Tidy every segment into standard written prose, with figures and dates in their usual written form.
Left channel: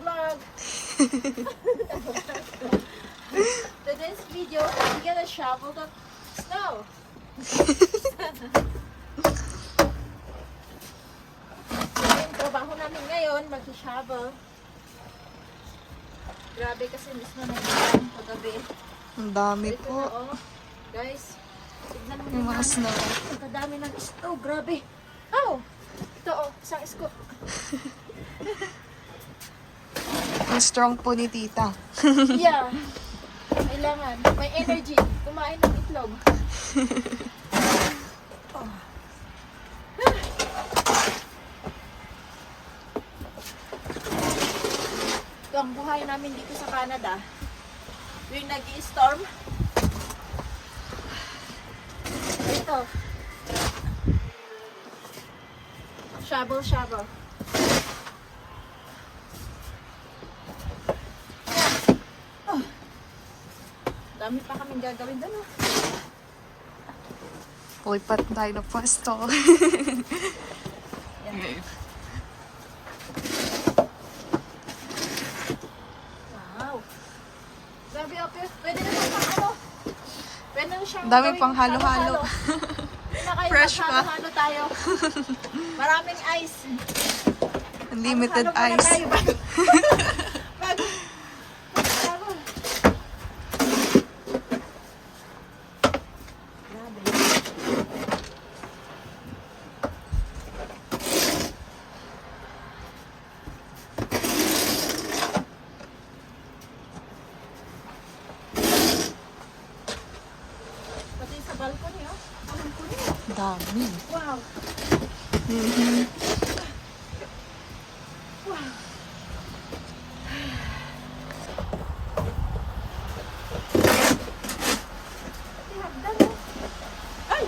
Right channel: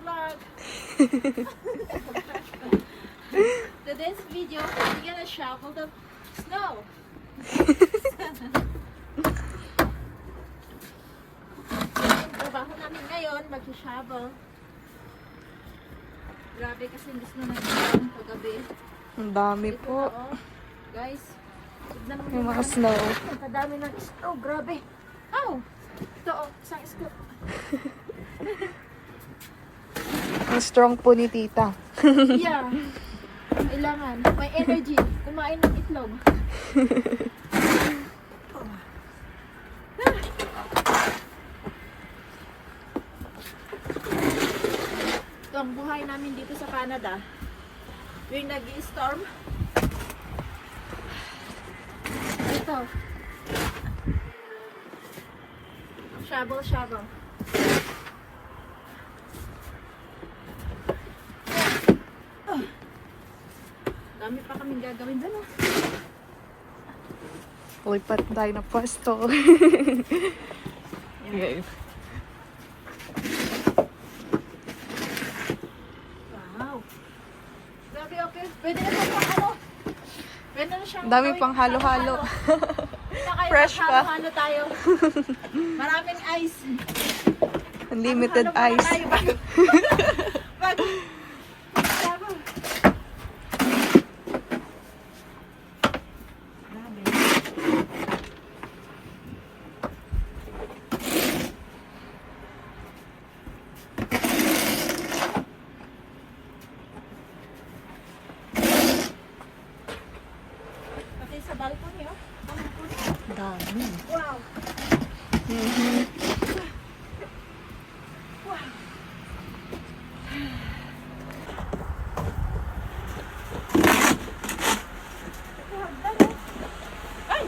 vlog. Today's video, we're gonna shovel the snow. Yung trabaho namin ngayon, mag-shovel. Grabe kasi mismo nag-shovel kagabi. Ang dami Ito po. na, oh. Guys, tignan mo Yung mga naman. snow. Ang kadami ng snow, grabe. Oh, ito oh, isang scoop. Ang strong po ni tita. Yeah. Kailangan. May energy. Kumain ng itlog. Oh. Ito ang buhay namin dito sa Canada. Yung nag-i-storm. Ito. Shovel. Dami pa kaming gagawin doon. Uy, pat tayo na pwesto. Okay. Wow. Grabe, okay. Pwede na siyang pang ano. Pwede na siyang Dami gawin pang halo-halo. Fresh pa. Halo tayo. Maraming ice. Unlimited Halo-halo ice. tayo. Grabe. Pati sa balcony, oh. Balcony. Dami. Wow. Mhm. Wow. Ay!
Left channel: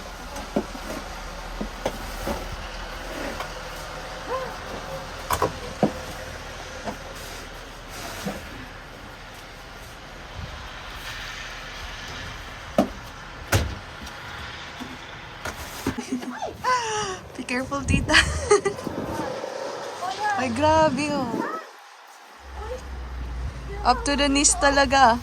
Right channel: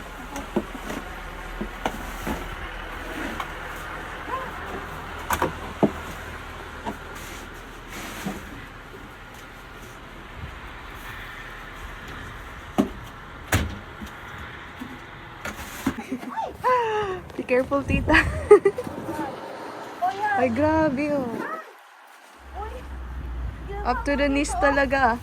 Be careful, tita. Oh, yeah. Ay, grabe oh. Uy. Up to the knees talaga.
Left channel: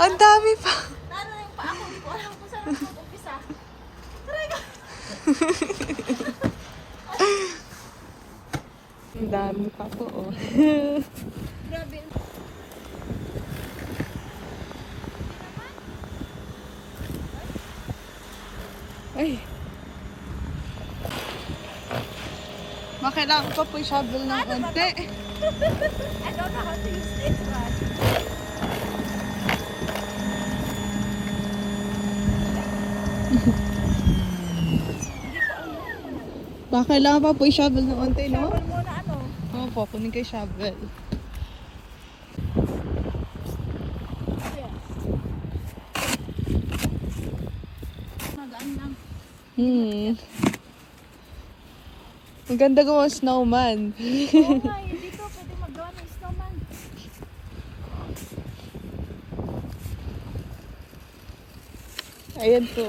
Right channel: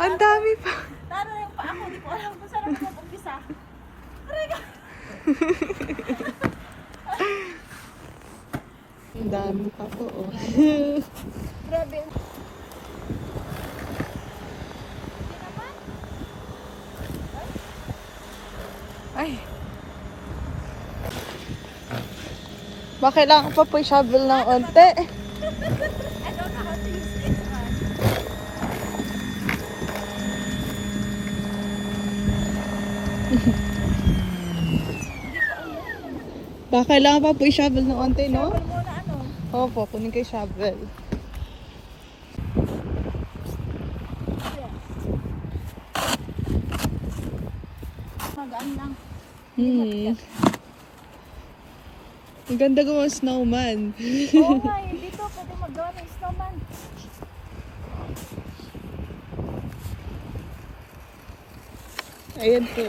Ang dami pa. Lalo na yung paa ko. Hindi ko alam kung saan ako mag-umpisa. Aray ka. Ang dami pa po oh. Grabe. Ay. Baka kailangan pa po i-shovel ng onte. I don't know how to use this one. Baka kailangan pa po i-shovel ng onte, no? Shovel muna ano. Opo, kunin kay shovel. Ayan. Magaan lang. Ang ganda gawa ng snowman. Oo nga, dito pwede magawa ng snowman. Ayan po.